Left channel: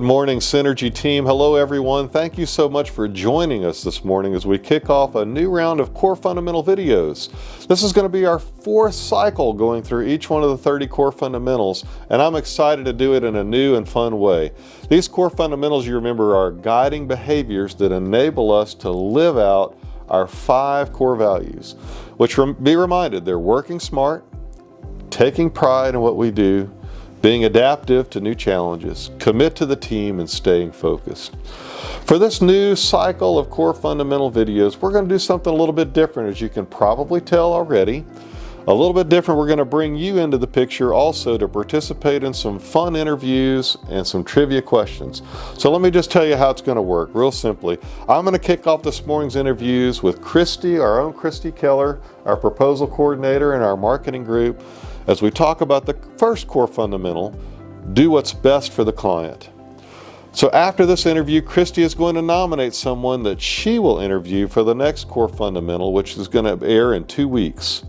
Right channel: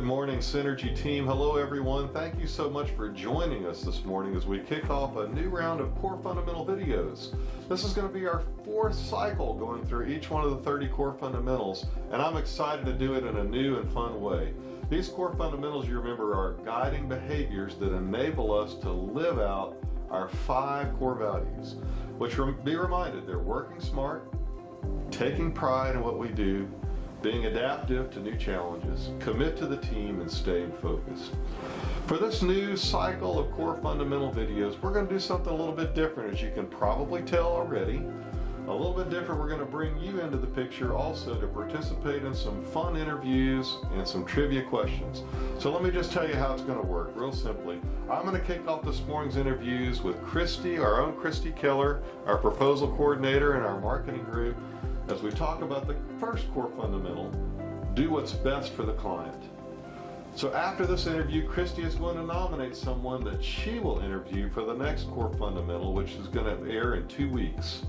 Good morning, SEnergy team. Hello, everyone. Thank you so much for joining us this morning as we kick off a new round of core fundamental videos. This is going to be our fourth cycle going through each one of the 30 core fundamentals, and I'm excited to do it in a new and fun way. These core fundamentals, you remember, are guiding behaviors that enable us to live out our 5 core values, which, be reminded, they're working smart, taking pride in what we do, being adaptive to new challenges, commit to the team, and staying focused. For this new cycle of core fundamental videos, we're going to do something a little bit different, as you can probably tell already. A little bit different. We're going to bring you into the picture also to participate in some fun interviews and some trivia questions. So let me just tell you how it's going to work real simply. I'm going to kick off this morning's interviews with Christi, our own Christi Keller, our proposal coordinator in our marketing group, as we talk about the first core fundamental, do what's best for the client. So after this interview, Christi is going to nominate someone that she will interview for the next core fundamental, which is going to air in 2 weeks.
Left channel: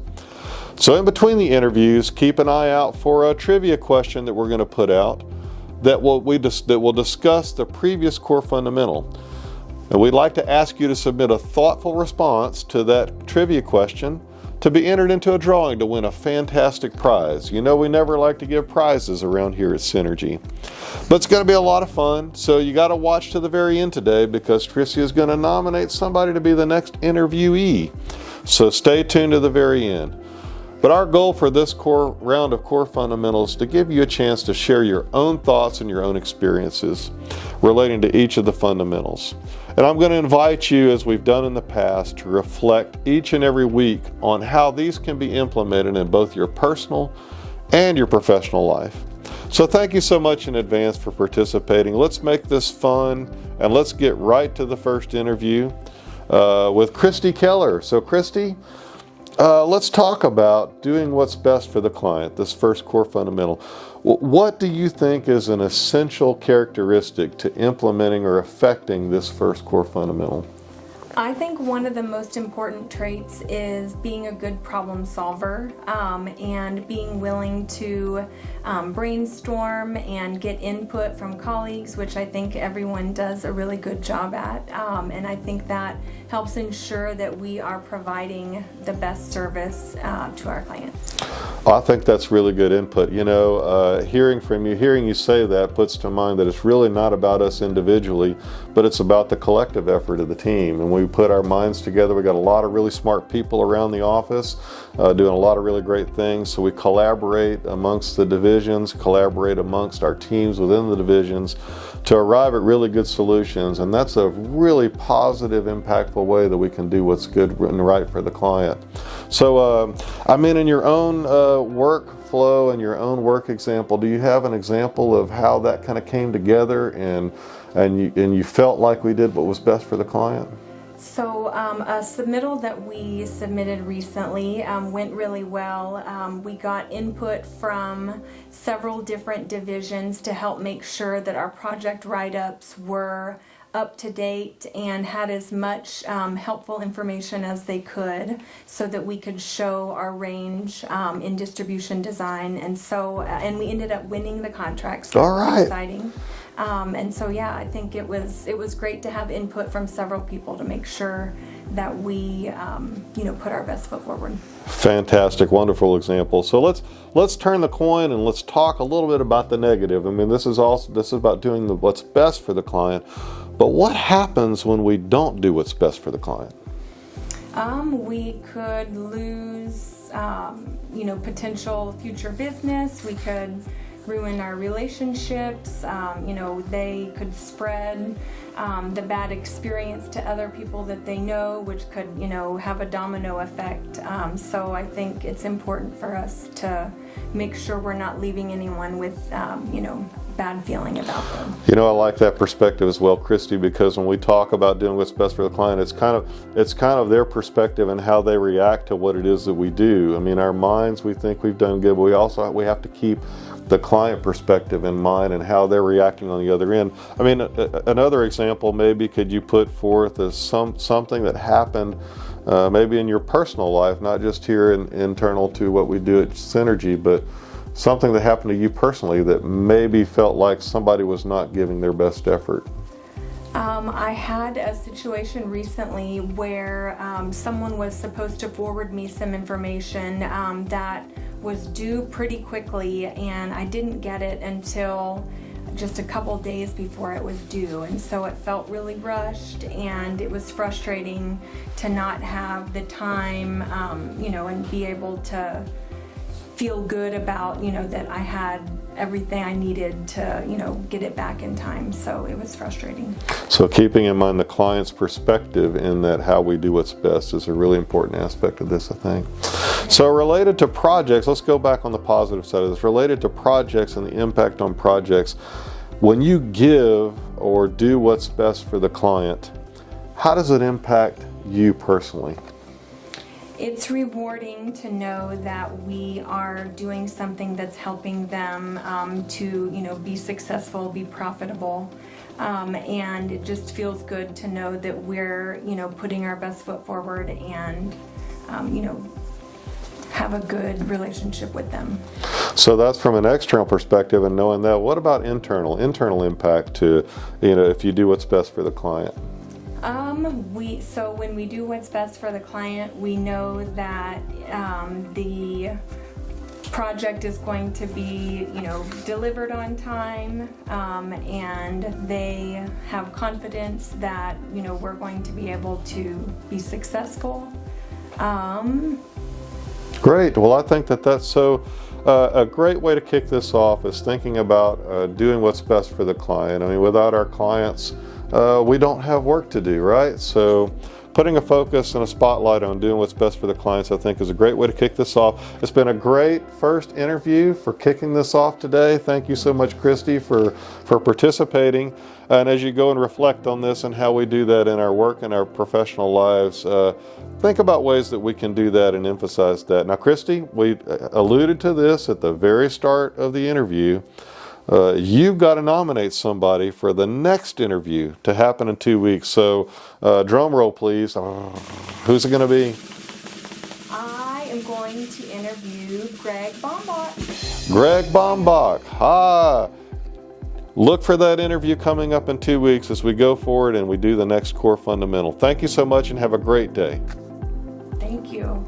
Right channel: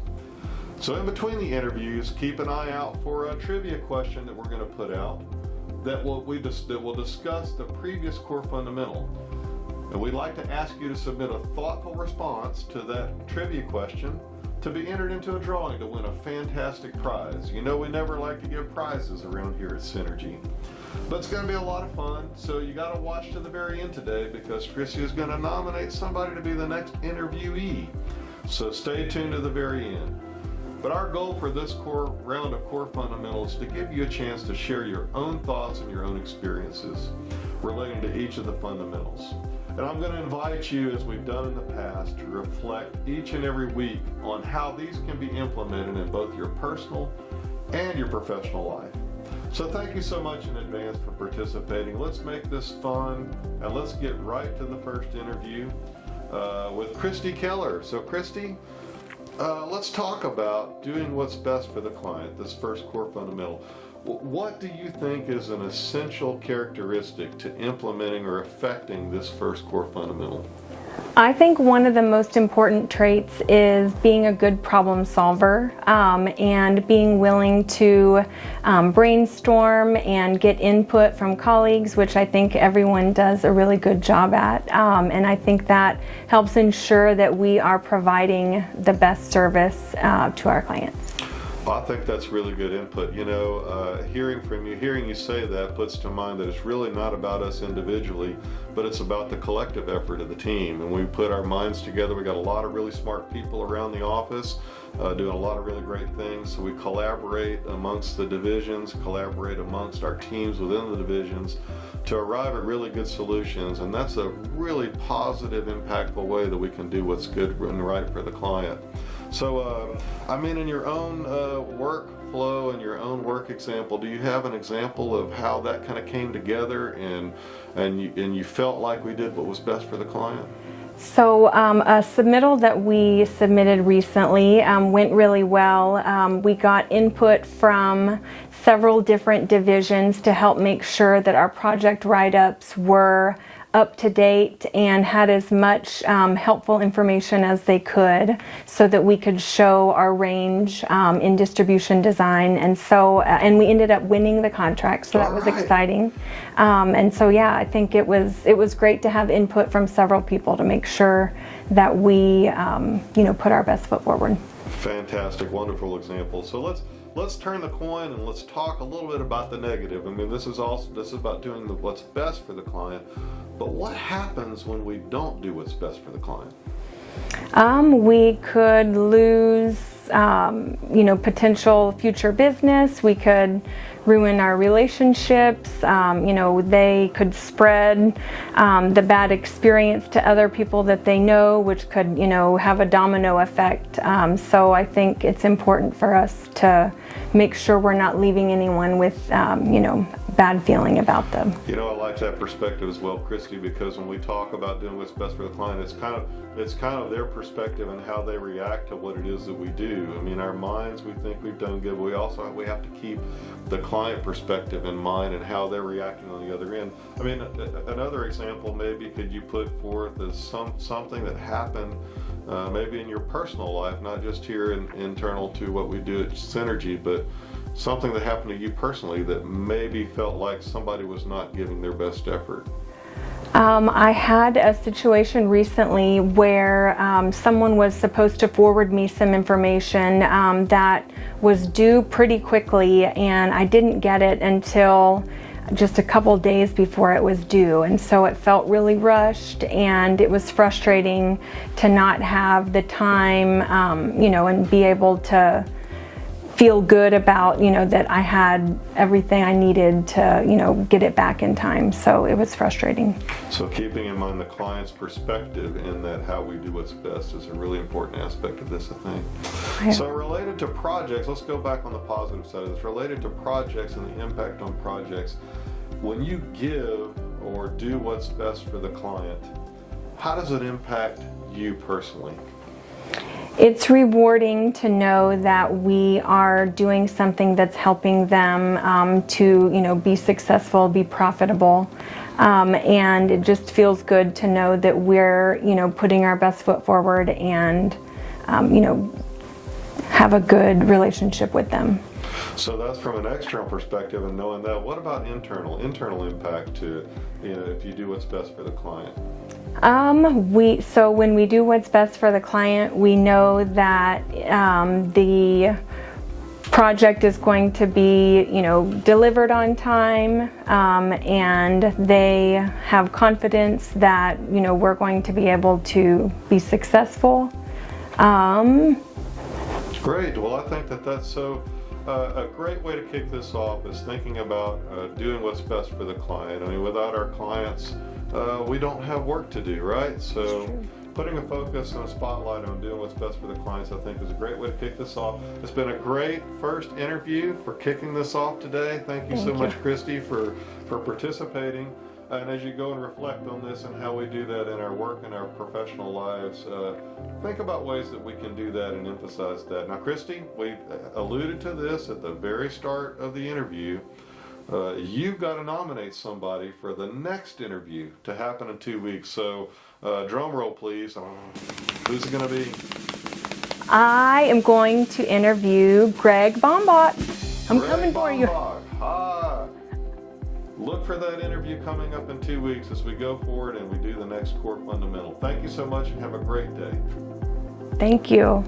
So in between the interviews, keep an eye out for a trivia question that we're going to put out that will discuss the previous core fundamental. And we'd like to ask you to submit a thoughtful response to that trivia question to be entered into a drawing to win a fantastic prize. You know, we never like to give prizes around here at SEnergy, but it's going to be a lot of fun. So you got to watch to the very end today, because Christi is going to nominate somebody to be the next interviewee. So stay tuned to the very end. But our goal for this core round of core fundamentals is to give you a chance to share your own thoughts and your own experiences relating to each of the fundamentals. And I'm going to invite you, as we've done in the past, to reflect each and every week on how these can be implemented in both your personal and your professional life. So thank you so much in advance for participating. Let's make this fun, and let's get right to the first interview with Christi Keller. So Christi, let's talk about doing what's best for the client, this first core fundamental. What do you think is an essential characteristic to implementing or affecting this first core fundamental? I think one of the most important traits is being a good problem solver, and being willing to brainstorm and get input from colleagues, which I think everyone does a really good job at. And I think that helps ensure that we are providing the best service to our clients. Well, I think that's really good input. You know, hearing you say that puts to mind that it's really not about us individually, but it's about the collective effort of the team. And we put our minds together. We got a lot of really smart people around the office doing a lot of really great things. So we collaborate amongst the divisions, collaborate amongst our teams within the divisions to arrive at really good solutions. And that's a really positive, impactful way that we can do what's good and right for the client. So, I mean, in your own workflow and your own work example, do you have an example of how that kind of came together and you felt like we did what was best for the client? So a submittal that we submitted recently went really well. We got input from several different divisions to help make sure that our project write-ups were up to date and had as much helpful information as they could, so that we could show our range in distribution design. And so, and we ended up winning the contract, so that was exciting. And so, yeah, I think it was great to have input from several people to make sure that we, put our best foot forward. Fantastic, wonderful example. So let's turn the coin and let's talk a little bit about the negative. I mean, this is about doing what's best for the client. But what happens when we don't do what's best for the client? We could lose, potential future business. We could ruin our relationships. They could spread the bad experience to other people that they know, which could, have a domino effect. So I think it's important for us to make sure we're not leaving anyone with, bad feeling about them. You know, I like that perspective as well, Christi, because when we talk about doing what's best for the client, it's kind of their perspective and how they react to what it is that we do. I mean, our minds, we think we've done good, but we have to keep the client perspective in mind and how they're reacting on the other end. I mean, another example maybe could you put forth as something that happened maybe in your personal life, not just here internal to what we do at SEnergy, but something that happened to you personally that maybe felt like somebody was not giving their best effort? I had a situation recently where someone was supposed to forward me some information that was due pretty quickly, and I didn't get it until just a couple days before it was due, and so it felt really rushed, and it was frustrating to not have the time, and be able to feel good about, that I had everything I needed to, get it back in time. So it was frustrating. So keeping in mind the client's perspective in that how we do what's best is a really important aspect of this, I think. Okay. So related to projects, let's go back on the positive side of this. Related to projects and the impact on projects, when you give or do what's best for the client, how does it impact you personally? It's rewarding to know that we are doing something that's helping them to, be successful, be profitable, and it just feels good to know that we're, putting our best foot forward and, have a good relationship with them. So that's from an external perspective, and knowing that. What about internal impact to, if you do what's best for the client? So when we do what's best for the client, we know that the project is going to be, delivered on time, and they have confidence that, we're going to be able to be successful. Great. Well, I think that's so a great way to kick this off is thinking about doing what's best for the client. I mean, without our clients, we don't have work to do, right? So putting a focus and a spotlight on doing what's best for the clients, I think, is a great way to kick this off. It's been a great first interview for kicking this off today. Thank you so much, Christi, for participating. And as you go and reflect on this and how we do that in our work and our professional lives, think about ways that we can do that and emphasize that. Now, Christi, we alluded to this at the very start of the interview. You've got to nominate somebody for the next interview to happen in 2 weeks. So, drum roll, please. Who's it going to be? I am going to interview Greg Bombach. Greg Bombach. Look for that interview coming up in 2 weeks as we go forward and we do the next core fundamental. Thank you so much and have a great day. Thank you.